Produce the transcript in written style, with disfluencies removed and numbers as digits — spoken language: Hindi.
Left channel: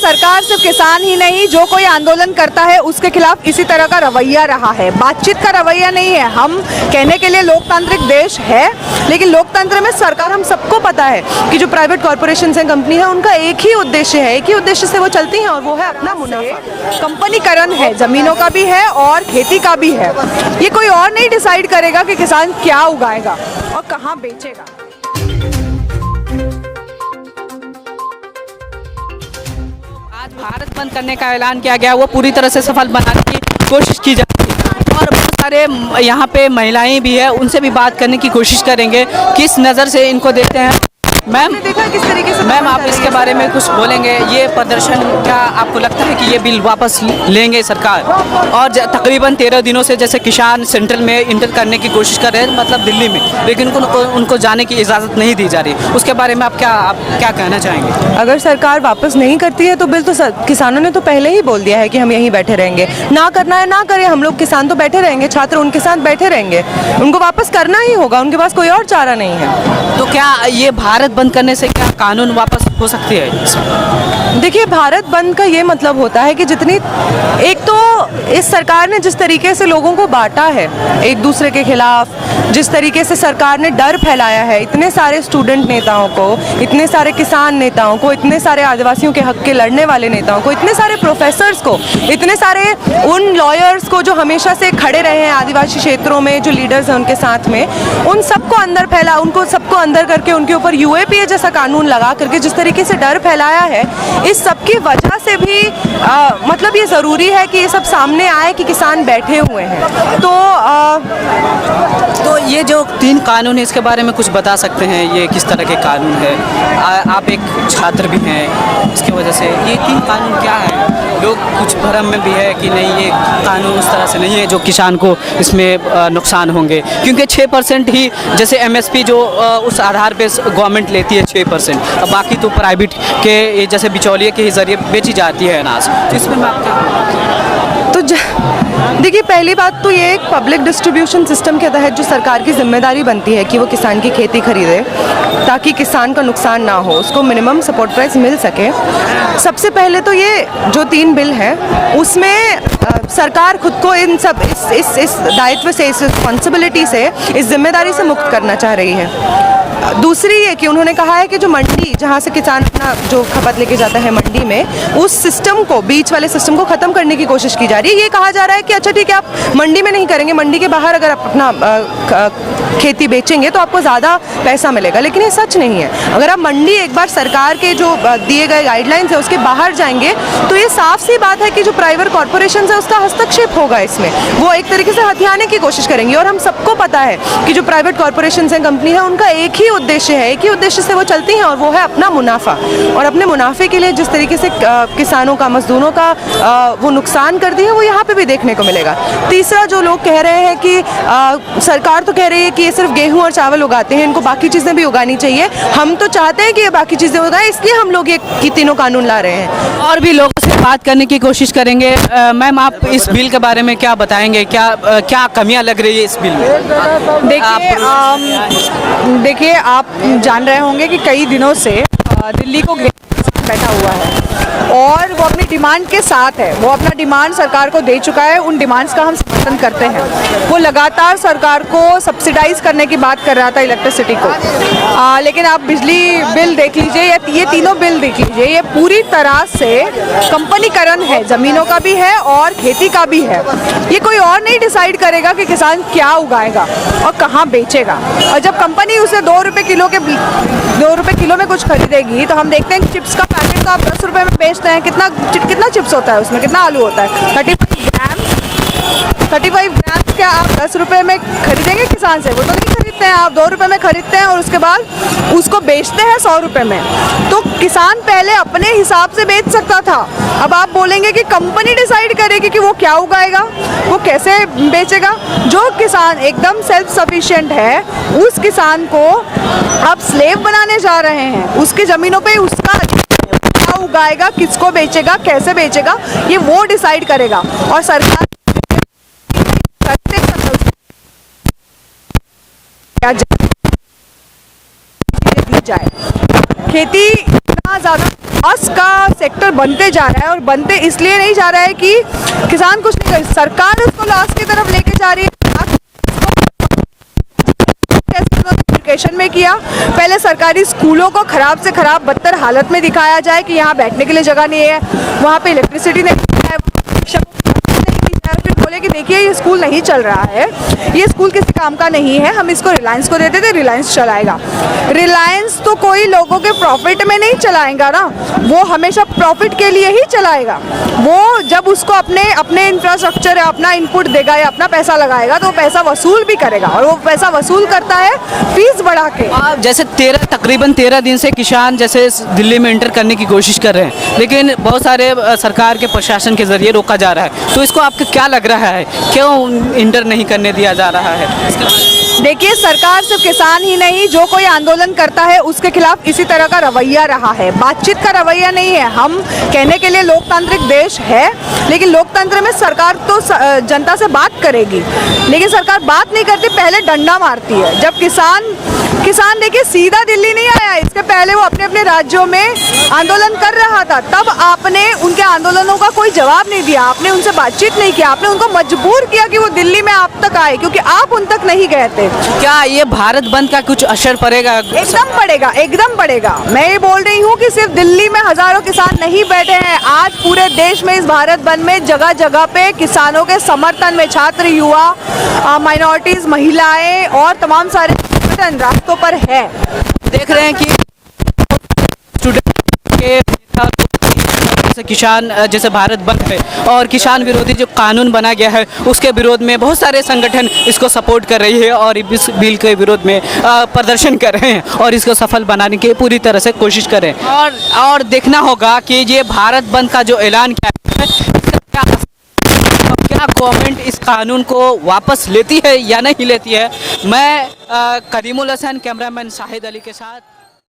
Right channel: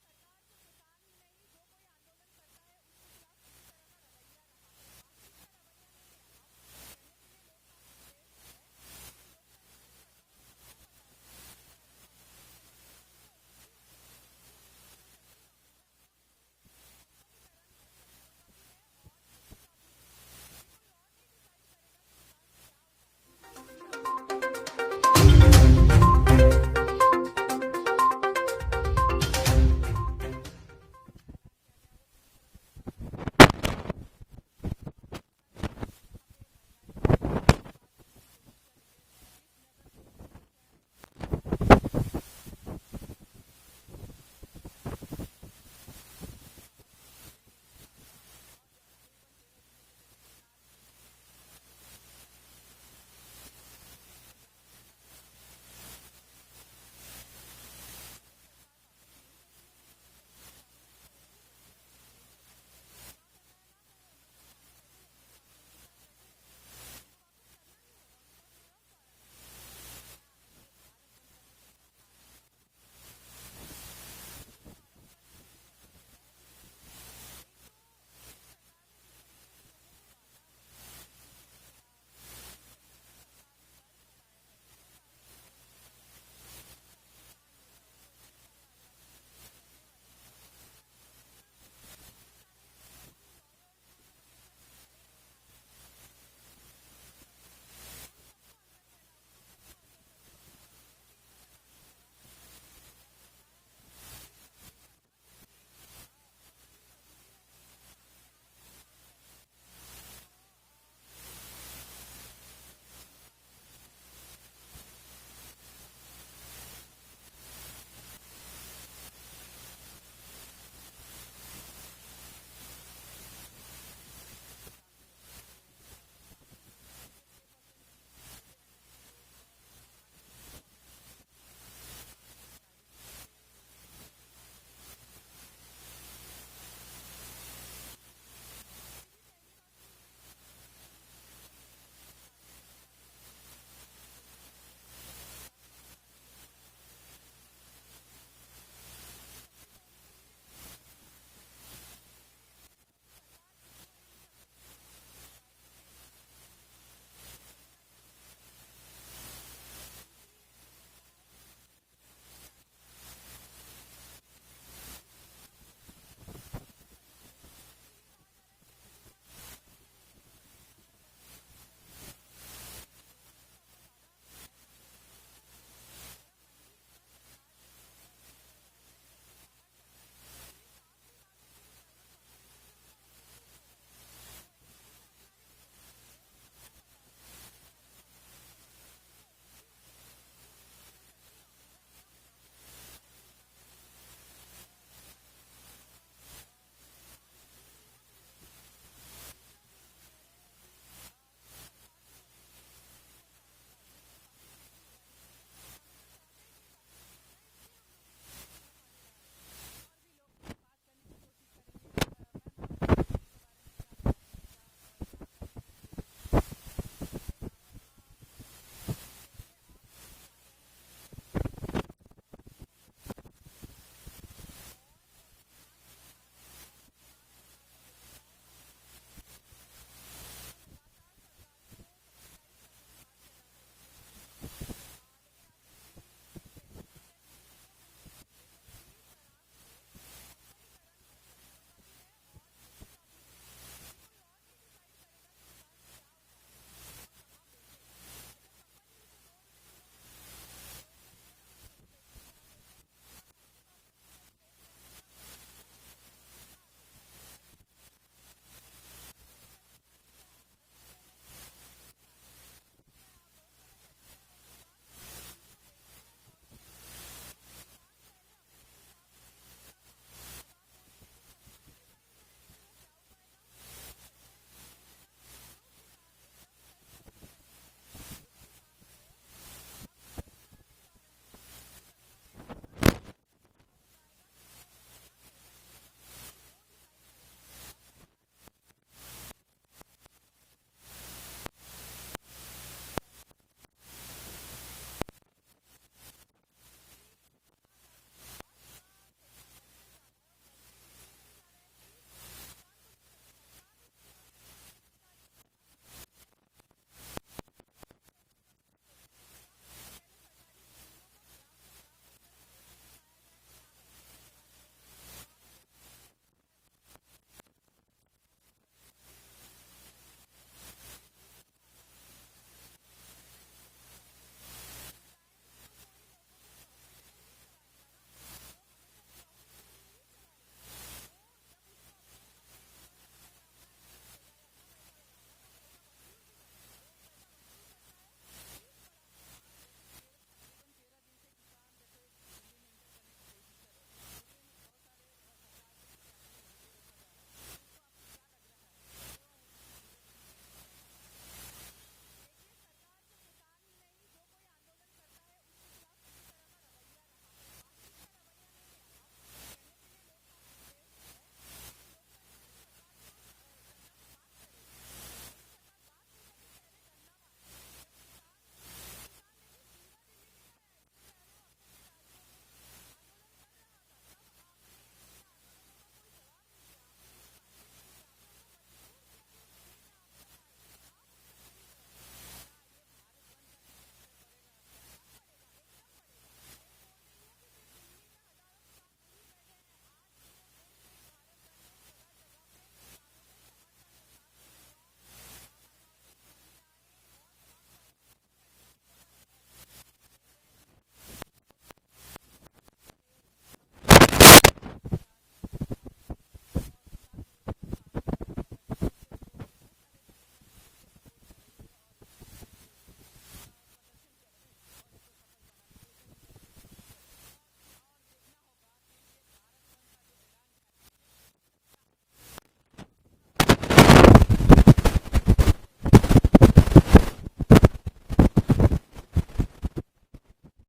सरकार सिर्फ किसान ही नहीं, जो कोई आंदोलन करता है उसके खिलाफ इसी तरह का रवैया रहा है। बातचीत का रवैया नहीं है। हम कहने के लिए लोकतांत्रिक देश है, लेकिन लोकतंत्र में सरकार, हम सबको पता है कि जो प्राइवेट कॉर्पोरेशन हैं, कंपनी है, उनका एक ही उद्देश्य है, एक ही उद्देश्य से वो चलती हैं और वो है अपना मुनाफा। कंपनीकरण है, जमीनों का भी है और खेती का भी है। ये कोई और नहीं डिसाइड करेगा कि किसान क्या उगाएगा और कहाँ बेचेगा। भारत बंद करने का ऐलान किया गया, वो पूरी तरह से सफल बनाने की कोशिश की जा रही है और बहुत सारे यहाँ पे महिलाएं भी है, उनसे भी बात करने की कोशिश करेंगे किस नज़र से इनको देखते हैं। मैम, देखा किस तरीके से मैम आप इसके बारे में कुछ बोलेंगे? ये प्रदर्शन, क्या आपको लगता है कि ये बिल वापस लेंगे सरकार? और तकरीबन 13 दिनों से जैसे किसान सेंट्रल में इंटर करने की कोशिश कर रहे हैं, मतलब दिल्ली में, लेकिन उनको जाने की इजाज़त नहीं दी जा रही, उसके बारे में आप क्या कहना चाहेंगे? अगर सरकार वापस नहीं करती है तो बिल तो किसानों ने तो पहले ही बोल दिया है कि हम यहीं बैठे रहेंगे। ना करना है ना करें, हम लोग किसान तो बैठे रहेंगे, छात्र उनके साथ बैठे रहेंगे। उनको वापस करना ही होगा, उनके पास कोई और चारा नहीं है। तो क्या ये भारत बंद करने से क्या कानून वापस हो सकती है? देखिए, भारत बंद का ये मतलब होता है कि जितनी, एक तो इस सरकार ने जिस तरीके से लोगों को बांटा है एक दूसरे के खिलाफ, जिस तरीके से सरकार ने डर फैलाया है इतने सारे स्टूडेंट नेताओं को, इतने सारे किसान नेताओं को, इतने सारे आदिवासियों के हक के लड़ने वाले नेताओं को, इतने सारे प्रोफेसर्स को, इतने सारे उन लॉयर्स को जो हमेशा से खड़े रहे हैं आदिवासी क्षेत्रों में, जो लीडर्स हैं उनके साथ में, उन सबको अंदर फैला, उनको सबको अंदर करके उनके ऊपर यूएपीए जैसा कानून लगा करके जिस तरीके से डर फैलाया है, इस सब की वजह से भी मतलब ये ज़रूरी है कि ये सब सामने आए कि किसान बैठे हुए हैं। तो ये जो 3 कानून है, इसके बारे में कुछ बता सकते हैं? ये किस तरह के कानून है? आप एक छात्र भी हैं, इसकी वजह से ये 3 कानून क्या है? लोग कुछ भ्रम में भी है कि नहीं, ये कानून उस तरह से नहीं है जो किसान को इसमें नुकसान होंगे, क्योंकि 6% ही जैसे एमएसपी जो उस आधार पे गवर्नमेंट लेती है 6%, अब बाकी तो प्राइवेट के जैसे बिचौलिए के ही ज़रिए बेची जाती है अनाज। तो इसमें मैं तो देखिए, पहली बात तो ये एक पब्लिक डिस्ट्रीब्यूशन सिस्टम के तहत जो सरकार की जिम्मेदारी बनती है कि वो किसान की खेती खरीदे ताकि किसान का नुकसान ना हो, उसको मिनिमम सपोर्ट प्राइस मिल सके। सबसे पहले तो ये जो 3 बिल हैं उसमें सरकार खुद को इन सब इस दायित्व से, इस रिस्पॉन्सिबिलिटी से, इस जिम्मेदारी से मुक्त करना चाह रही है। दूसरी ये कि उन्होंने कहा है कि जो मंडी, जहाँ से किसान अपना जो खपत लेके जाता है मंडी में, उस सिस्टम को, बीच वाले सिस्टम को ख़त्म करने की कोशिश की जा रही है। ये कहा जा रहा है कि अच्छा ठीक है, आप मंडी में नहीं करेंगे, मंडी के बाहर अगर आप अपना खेती बेचेंगे तो आपको ज़्यादा पैसा मिलेगा, लेकिन ये सच नहीं है। अगर आप मंडी एक बार सरकार के जो दिए गए गाइडलाइंस है उसके बाहर जाएंगे तो ये साफ सी बात है कि जो प्राइवेट कॉर्पोरेशन है उसका हस्तक्षेप होगा इसमें, वो एक तरीके से हथियाने की कोशिश करेंगी। और हम सबको पता है कि जो प्राइवेट कॉर्पोरेशन हैं, कंपनी है, उनका एक ही उद्देश्य है, एक ही उद्देश्य से वो चलती हैं और वो है अपना मुनाफा। और अपने मुनाफे के लिए जिस तरीके से किसानों का, मजदूरों का वो नुकसान करती है, वो यहाँ पे भी देखने को मिलेगा। तीसरा, जो लोग कह रहे हैं कि सरकार तो कह रही है कि ये सिर्फ गेहूं और चावल उगाते हैं, इनको बाकी चीज़ें भी उगानी चाहिए। हम तो चाहते हैं कि ये बाकी चीज़ें उगाएं, इसलिए हम लोग ये तीनों कानून ला रहे हैं। और भी लोगों से बात करने की कोशिश करेंगे। मैम, आप इस बिल के बारे में क्या बताएंगे? क्या कमियां लग रही है इस बिल में? देखिए, आप जान रहे होंगे कि कई दिनों से दिल्ली को बैठा हुआ है और वो अपनी डिमांड के साथ है। वो अपना डिमांड सरकार को दे चुका है, उन डिमांड्स का हम समर्थन करते हैं। वो लगातार सरकार को सब्सिडाइज करने की बात कर रहा था इलेक्ट्रिसिटी को, लेकिन आप बिजली बिल देख लीजिए या ये तीनों बिल देख लीजिए, ये पूरी तरह से कंपनीकरण है, ज़मीनों का भी है और खेती का भी है। ये कोई और नहीं डिसाइड करेगा कि किसान क्या उगाएगा और कहाँ बेचेगा। और जब कंपनी उसे 2 रुपये किलो में कुछ खरीदेगी तो हम देखते हैं कि चिप्स का पैकेट तो आप 10 रुपये में बेचते हैं। कितना चिप्स होता है उसमें, कितना आलू होता है? 35 ग्राम क्या आप 10 रुपये में खरीदेंगे किसान से? वो तो नहीं खरीदते हैं। आप 2 रुपये में खरीदते हैं और उसके बाद उसको बेचते हैं 100 रुपये में। तो किसान पहले अपने हिसाब से बेच सकता था, अब आप बोलेंगे कि कंपनी डिसाइड करेगी कि वो क्या उगाएगा, वो कैसे बेचेगा। जो किसान एकदम सेल्फ सफिशिएंट है, उस किसान को आप स्लेव बनाने जा रहे हैं। उसकी ज़मीनों पे उसका क्या उगाएगा, किसको बेचेगा, कैसे बेचेगा, ये वो डिसाइड करेगा। और सरकार दी जाए। खेती इतना ज़्यादा लॉस का सेक्टर बनते जा रहा है, और बनते इसलिए नहीं जा रहा है कि किसान कुछ नहीं कर, सरकार उसको लॉस की तरफ लेके जा रही है। एजुकेशन में किया, पहले सरकारी स्कूलों को खराब से खराब बदतर हालत में दिखाया जाए कि यहाँ बैठने के लिए जगह नहीं है, वहाँ पे इलेक्ट्रिसिटी नहीं है, फिर बोले कि देखिए ये स्कूल नहीं चल रहा है, ये स्कूल किसी काम का नहीं है, हम इसको रिलायंस को देते थे, रिलायंस चलाएगा। रिलायंस तो कोई लोगों के प्रॉफिट में नहीं चलाएगा ना, वो हमेशा प्रॉफिट के लिए ही चलाएगा। वो जब उसको अपने इंफ्रास्ट्रक्चर या अपना इनपुट देगा या अपना पैसा लगाएगा तो वो पैसा वसूल भी करेगा, और वो पैसा वसूल करता है फीस बढ़ा के। जैसे तकरीबन 13 दिन से किसान जैसे दिल्ली में इंटर करने की कोशिश कर रहे हैं, लेकिन बहुत सारे सरकार के प्रशासन के जरिए रोका जा रहा है, तो इसको आपको क्या लग रहा है, क्यों इंटर नहीं करने दिया जा रहा है? देखिए, सरकार सिर्फ किसान ही नहीं, जो कोई आंदोलन करता है उसके खिलाफ इसी तरह का रवैया रहा है, बातचीत का रवैया नहीं है। हम कहने के लिए लोकतांत्रिक देश है, लेकिन लोकतंत्र में सरकार तो जनता से बात करेगी, लेकिन सरकार बात नहीं करती, पहले डंडा मारती है। जब किसान देखिए सीधा दिल्ली नहीं आया, इसके पहले वो अपने अपने राज्यों में आंदोलन कर रहा था, तब आपने उनके आंदोलनों का कोई जवाब नहीं दिया, आपने उनसे बातचीत नहीं किया, आपने उनको मजबूर किया कि वो दिल्ली में आप तक आए, क्योंकि आप उन तक नहीं गए थे। क्या ये भारत बंद का कुछ असर पड़ेगा? एकदम पड़ेगा, एकदम पड़ेगा। मैं ये बोल रही हूँ कि सिर्फ दिल्ली में हजारों किसान नहीं बैठे हैं, आज पूरे देश में इस भारत बंद में जगह जगह पे किसानों के समर्थन में छात्र, युवा, माइनॉरिटीज, महिलाएं और तमाम सारे संगठन रास्तों पर है। देख रहे हैं कि स्टूडेंट के जैसे किसान जैसे भारत बंद पे और किसान विरोधी जो कानून बना गया है उसके विरोध में बहुत सारे संगठन इसको सपोर्ट कर रही है और इस बिल के विरोध में प्रदर्शन कर रहे हैं और इसको सफल बनाने की पूरी तरह से कोशिश करें। और देखना होगा कि ये भारत बंद का जो ऐलान किया है, क्या गवर्नमेंट इस कानून को वापस लेती है या नहीं लेती है। मैं कदीमुल हसन, कैमरामैन शाहिद अली के साथ।